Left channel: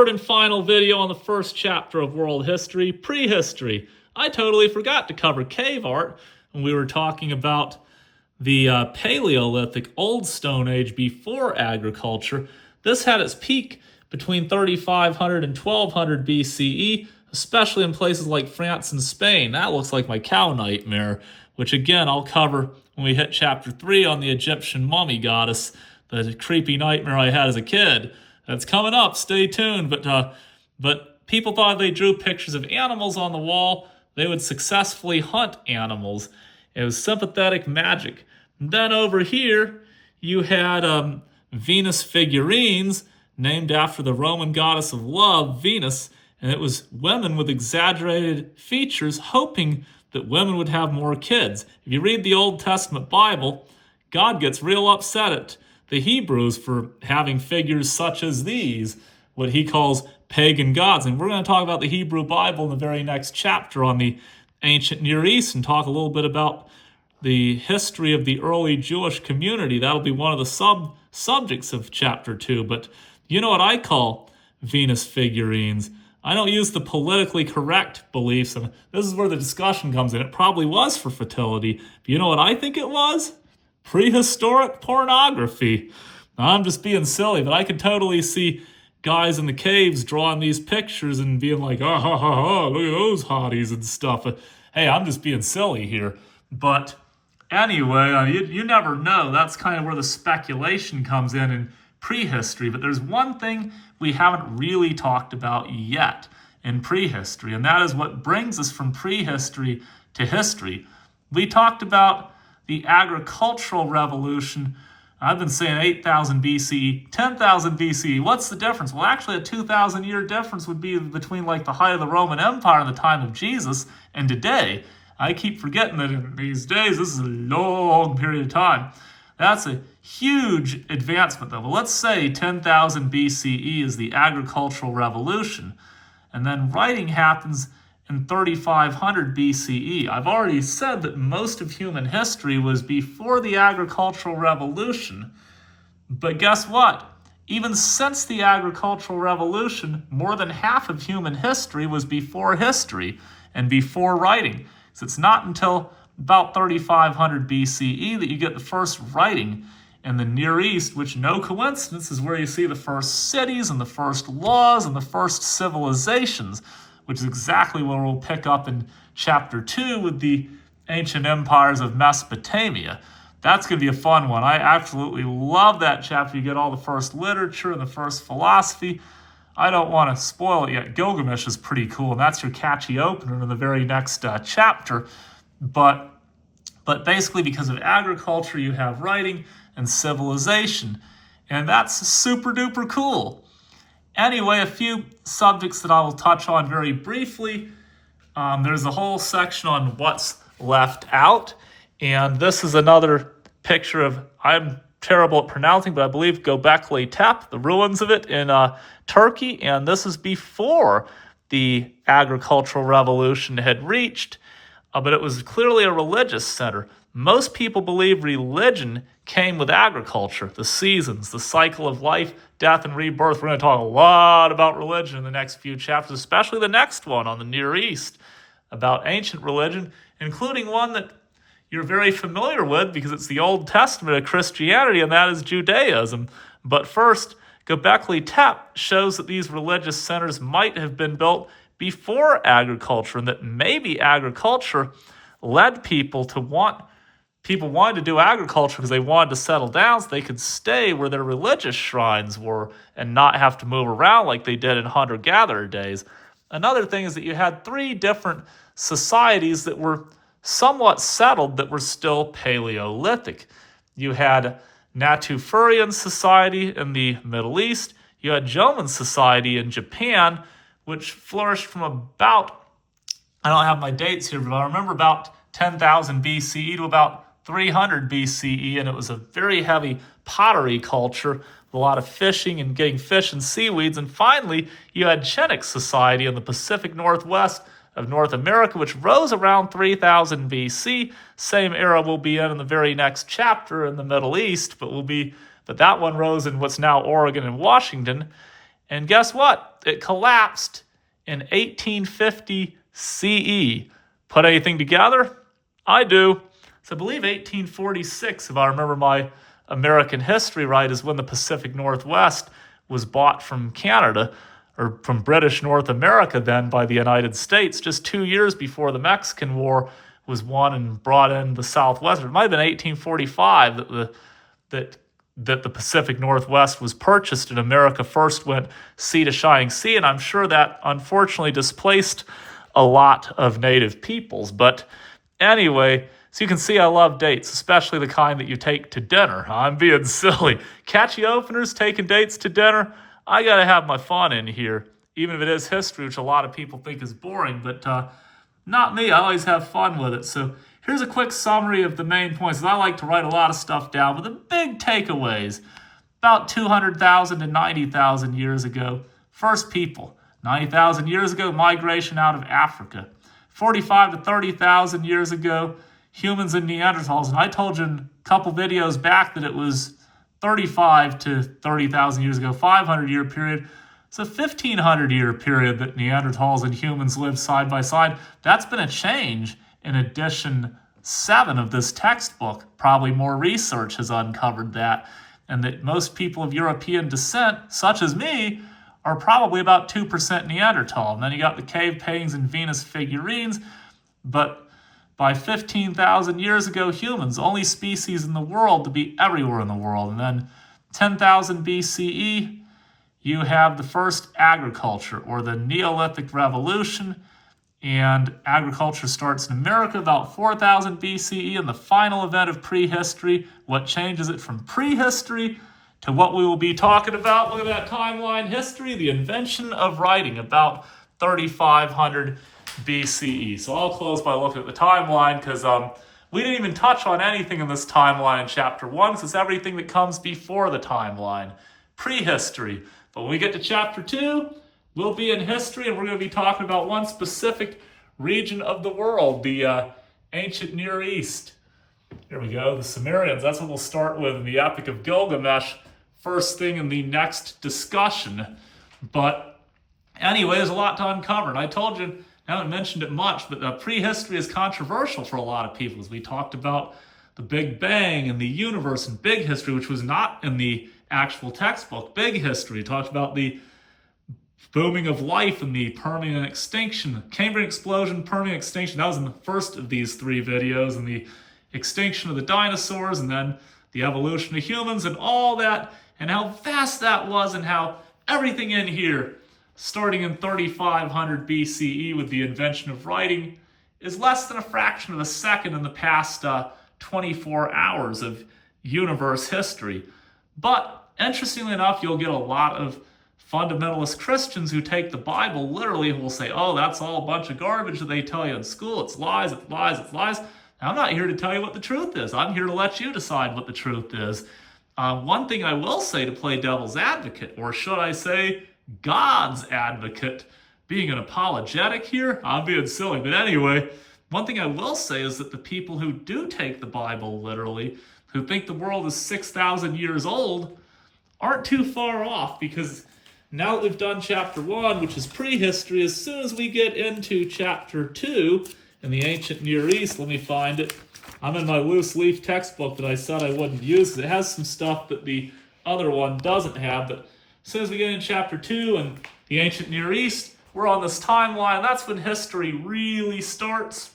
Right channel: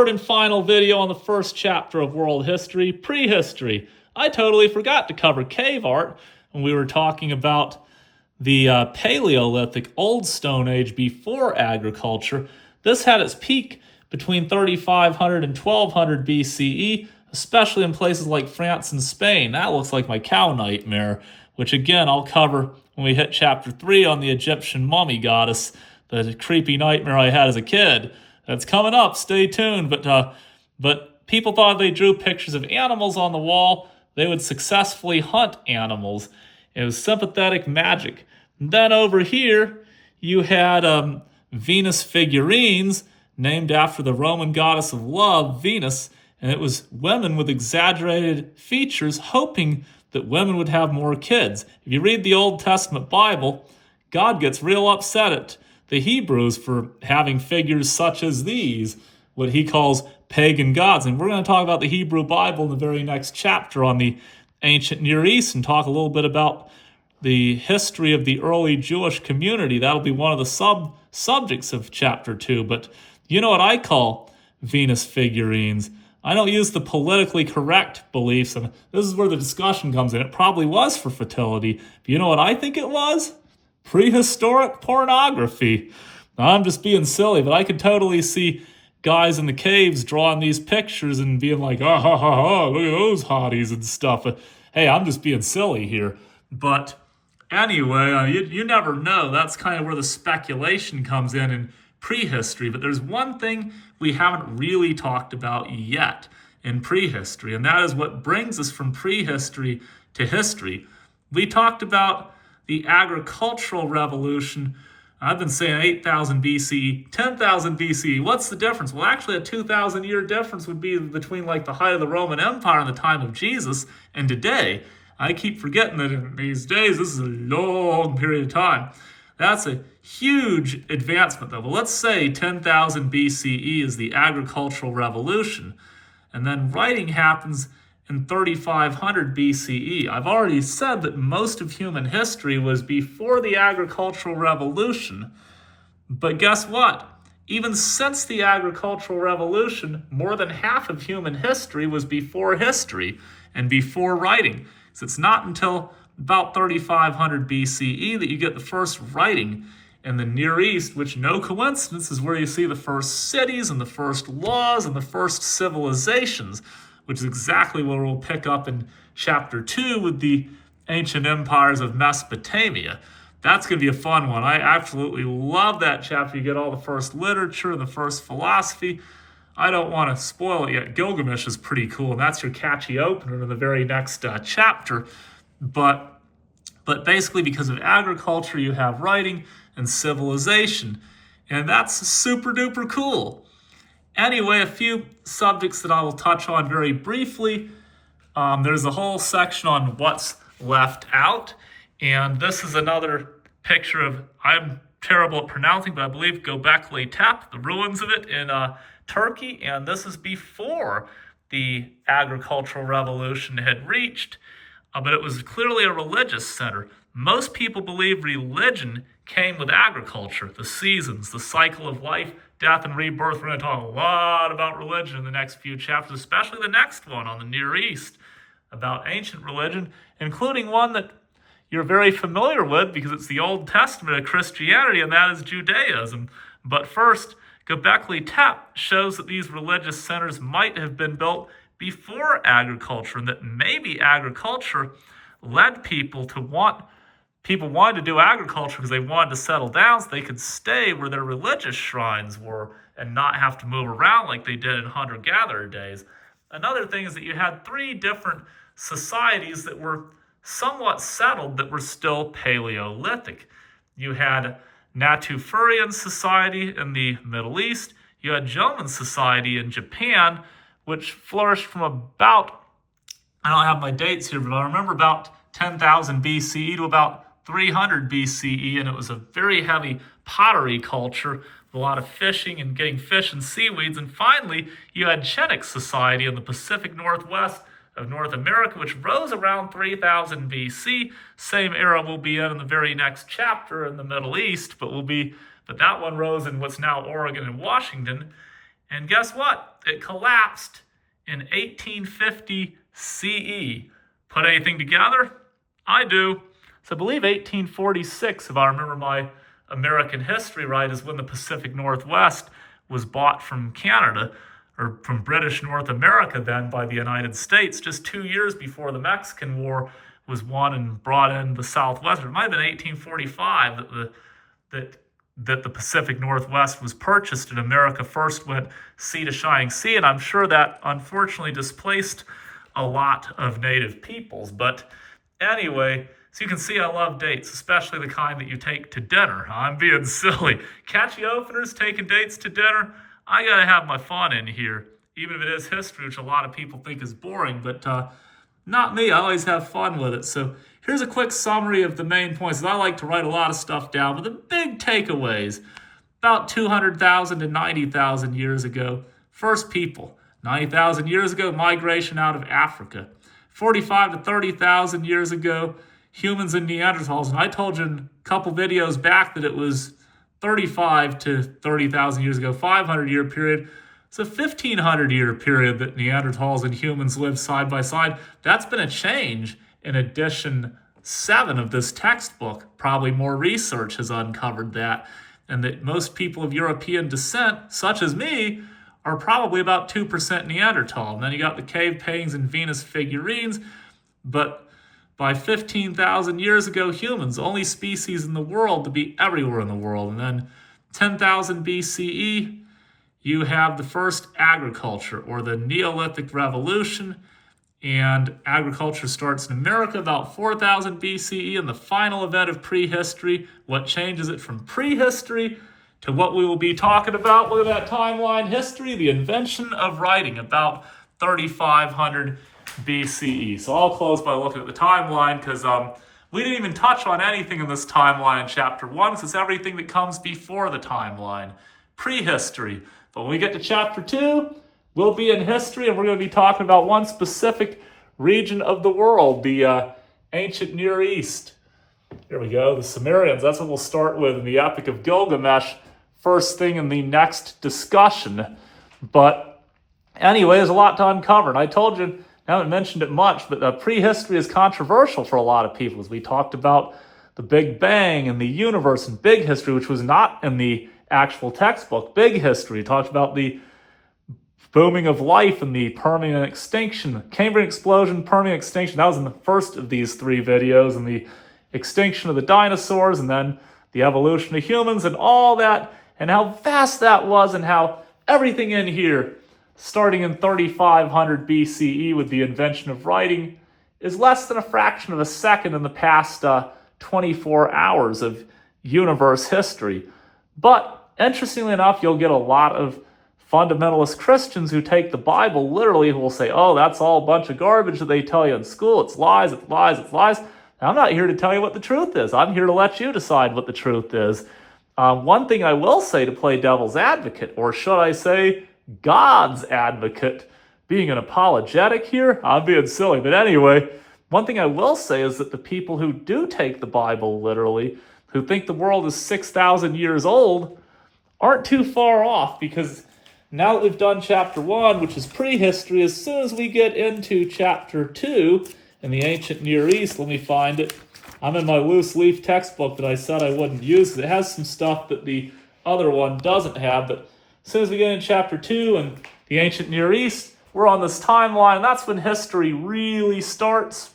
third and final video on the first chapter of world history, prehistory. I totally forgot to cover cave art when we were talking about the Paleolithic, Old Stone Age before agriculture. This had its peak between 3500 and 1200 BCE, especially in places like France and Spain. That looks like my cow nightmare, which again I'll cover when we hit chapter 3 on the Egyptian mummy goddess, the creepy nightmare I had as a kid. That's coming up, stay tuned. But people thought if they drew pictures of animals on the wall, they would successfully hunt animals. It was sympathetic magic. And then over here, you had Venus figurines named after the Roman goddess of love, Venus, and it was women with exaggerated features hoping that women would have more kids. If you read the Old Testament Bible, God gets real upset at the Hebrews for having figures such as these, what he calls pagan gods. And we're going to talk about the Hebrew Bible in the very next chapter on the ancient Near East and talk a little bit about the history of the early Jewish community. That'll be one of the subjects of chapter 2. But you know what I call Venus figurines? I don't use the politically correct beliefs, and this is where the discussion comes in. It probably was for fertility. But you know what I think it was? Prehistoric pornography. Now, I'm just being silly, but I could totally see guys in the caves drawing these pictures and being like, oh, ha, ha, ha, look at those hotties and stuff. But, hey, I'm just being silly here. But anyway, you never know. That's kind of where the speculation comes in prehistory. But there's one thing we haven't really talked about yet in prehistory, and that is what brings us from prehistory to history. We talked about the agricultural revolution. I've been saying 8,000 BCE, 10,000 BCE. What's the difference? Well, actually, a 2,000-year difference would be between like the height of the Roman Empire in the time of Jesus and today. I keep forgetting that in these days, this is a long period of time. That's a huge advancement, though. But let's say 10,000 BCE is the agricultural revolution, and then writing happens in 3500 BCE. I've already said that most of human history was before the agricultural revolution, but guess what? Even since the agricultural revolution, more than half of human history was before history and before writing. So it's not until about 3500 BCE that you get the first writing in the Near East, which, no coincidence, is where you see the first cities and the first laws and the first civilizations, which is exactly where we'll pick up in chapter 2 with the ancient empires of Mesopotamia. That's going to be a fun one. I absolutely love that chapter. You get all the first literature and the first philosophy. I don't want to spoil it yet. Gilgamesh is pretty cool, and that's your catchy opener in the very next chapter. But basically, because of agriculture, you have writing and civilization, and that's super duper cool. Anyway, a few subjects that I will touch on very briefly. There's a whole section on what's left out, and this is another picture of, I'm terrible at pronouncing, but I believe Göbekli Tepe, the ruins of it in Turkey, and this is before the agricultural revolution had reached, but it was clearly a religious center. Most people believe religion came with agriculture, the seasons, the cycle of life, death, and rebirth. We're going to talk a lot about religion in the next few chapters, especially the next one on the Near East, about ancient religion, including one that you're very familiar with because it's the Old Testament of Christianity, and that is Judaism. But first, Göbekli Tepe shows that these religious centers might have been built before agriculture, and that maybe agriculture led people wanted to do agriculture because they wanted to settle down so they could stay where their religious shrines were and not have to move around like they did in hunter-gatherer days. Another thing is that you had 3 different societies that were somewhat settled that were still Paleolithic. You had Natufurian society in the Middle East. You had Jomon society in Japan, which flourished from about, I don't have my dates here, but I remember about 10,000 BCE to about 300 BCE, and it was a very heavy pottery culture, a lot of fishing and getting fish and seaweeds. And finally, you had Chinook society in the Pacific Northwest of North America, which rose around 3000 BC. Same era we'll be in the very next chapter in the Middle East, but that one rose in what's now Oregon and Washington. And guess what? It collapsed in 1850 CE. Put anything together? I do. So I believe 1846, if I remember my American history right, is when the Pacific Northwest was bought from Canada, or from British North America then, by the United States, just 2 years before the Mexican War was won and brought in the Southwest. It might have been 1845 that the Pacific Northwest was purchased and America first went sea to shining sea. And I'm sure that unfortunately displaced a lot of native peoples. But anyway, so you can see I love dates, especially the kind that you take to dinner. I'm being silly. Catchy openers, taking dates to dinner. I got to have my fun in here, even if it is history, which a lot of people think is boring, but not me. I always have fun with it. So here's a quick summary of the main points. I like to write a lot of stuff down, but the big takeaways: about 200,000 to 90,000 years ago, first people. 90,000 years ago, migration out of Africa. 45 to 30,000 years ago, humans and Neanderthals. And I told you in a couple videos back that it was 35 to 30,000 years ago, 500-year period. It's a 1,500-year period that Neanderthals and humans lived side by side. That's been a change in edition 7 of this textbook. Probably more research has uncovered that, and that most people of European descent, such as me, are probably about 2% Neanderthal. And then you got the cave paintings and Venus figurines, but by 15,000 years ago, humans, only species in the world to be everywhere in the world. And then 10,000 BCE, you have the first agriculture, or the Neolithic Revolution, and agriculture starts in America about 4,000 BCE, and the final event of prehistory, what changes it from prehistory to what we will be talking about. Look at that timeline: history, the invention of writing, about 3,500 BCE. So I'll close by looking at the timeline, because we didn't even touch on anything in this timeline in chapter 1, because it's everything that comes before the timeline, prehistory. But when we get to chapter 2, we'll be in history, and we're going to be talking about one specific region of the world, the ancient Near East. Here we go, the Sumerians. That's what we'll start with in the Epic of Gilgamesh, first thing in the next discussion. But anyway, there's a lot to uncover. And I told you, I haven't mentioned it much, but prehistory is controversial for a lot of people. As we talked about the Big Bang and the universe and big history, which was not in the actual textbook. Big history talked about the booming of life and the Permian extinction, Cambrian explosion, Permian extinction. That was in the first of these 3 videos, and the extinction of the dinosaurs, and then the evolution of humans, and all that, and how vast that was, and how everything in here, starting in 3,500 BCE with the invention of writing, is less than a fraction of a second in the past 24 hours of universe history. But interestingly enough, you'll get a lot of fundamentalist Christians who take the Bible literally, who will say, oh, that's all a bunch of garbage that they tell you in school. It's lies, it's lies, it's lies. Now, I'm not here to tell you what the truth is. I'm here to let you decide what the truth is. One thing I will say, to play devil's advocate, or should I say God's advocate, being an apologetic here, I'm being silly. But anyway, one thing I will say is that the people who do take the Bible literally, who think the world is 6,000 years old, aren't too far off, because now that we've done chapter 1, which is prehistory, as soon as we get into chapter 2 in the ancient Near East, let me find it. I'm in my loose leaf textbook that I said I wouldn't use. It has some stuff that the other one doesn't have, but as soon as we get in chapter 2 and the ancient Near East, we're on this timeline. That's when history really starts.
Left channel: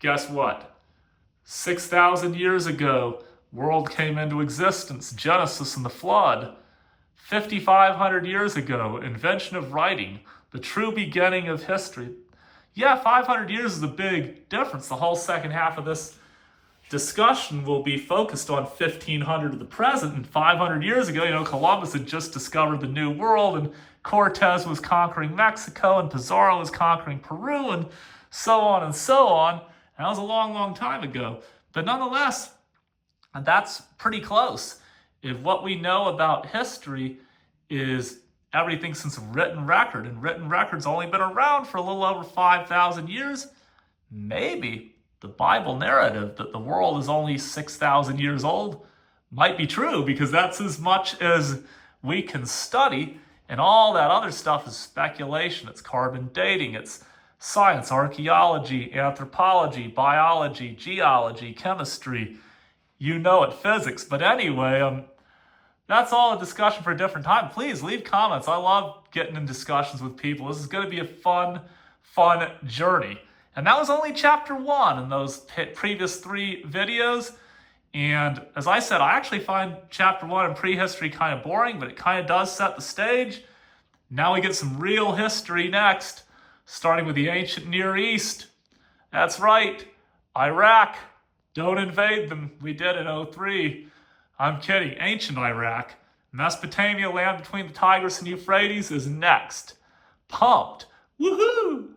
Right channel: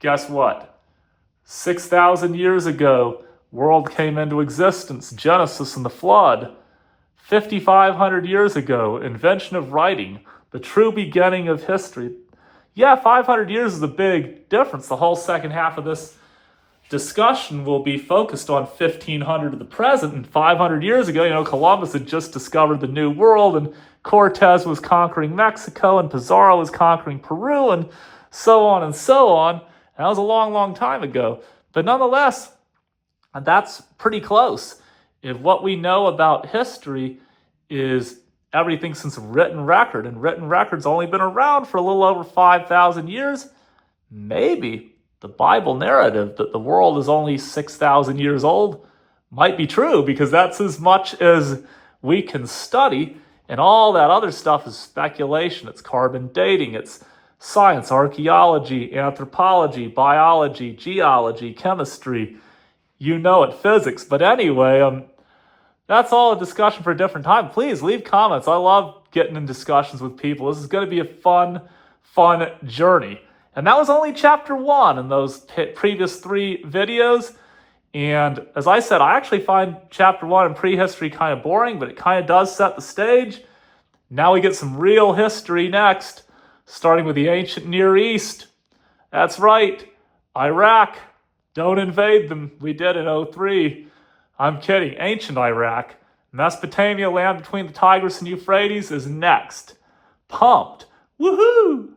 Guess what? 6,000 years ago, world came into existence, Genesis and the flood. 5,500 years ago, invention of writing, the true beginning of history. Yeah, 500 years is a big difference. The whole second half of this discussion will be focused on 1,500 to the present. And 500 years ago, Columbus had just discovered the New World, and Cortez was conquering Mexico, and Pizarro was conquering Peru, and so on and so on. That was a long, long time ago. But nonetheless, that's pretty close. If what we know about history is everything since written record, and written record's only been around for a little over 5,000 years, maybe the Bible narrative that the world is only 6,000 years old might be true, because that's as much as we can study. And all that other stuff is speculation. It's carbon dating. It's science, archaeology, anthropology, biology, geology, chemistry. You know it, physics. But anyway, that's all a discussion for a different time. Please leave comments. I love getting in discussions with people. This is going to be a fun journey. And that was only chapter 1 in those previous 3 videos. And as I said, I actually find chapter 1 in prehistory kind of boring, but it kind of does set the stage. Now we get some real history next, starting with the ancient Near East. That's right, Iraq. Don't invade them. We did in 03. I'm kidding. Ancient Iraq. Mesopotamia, land between the Tigris and Euphrates, is next. Pumped. Woohoo!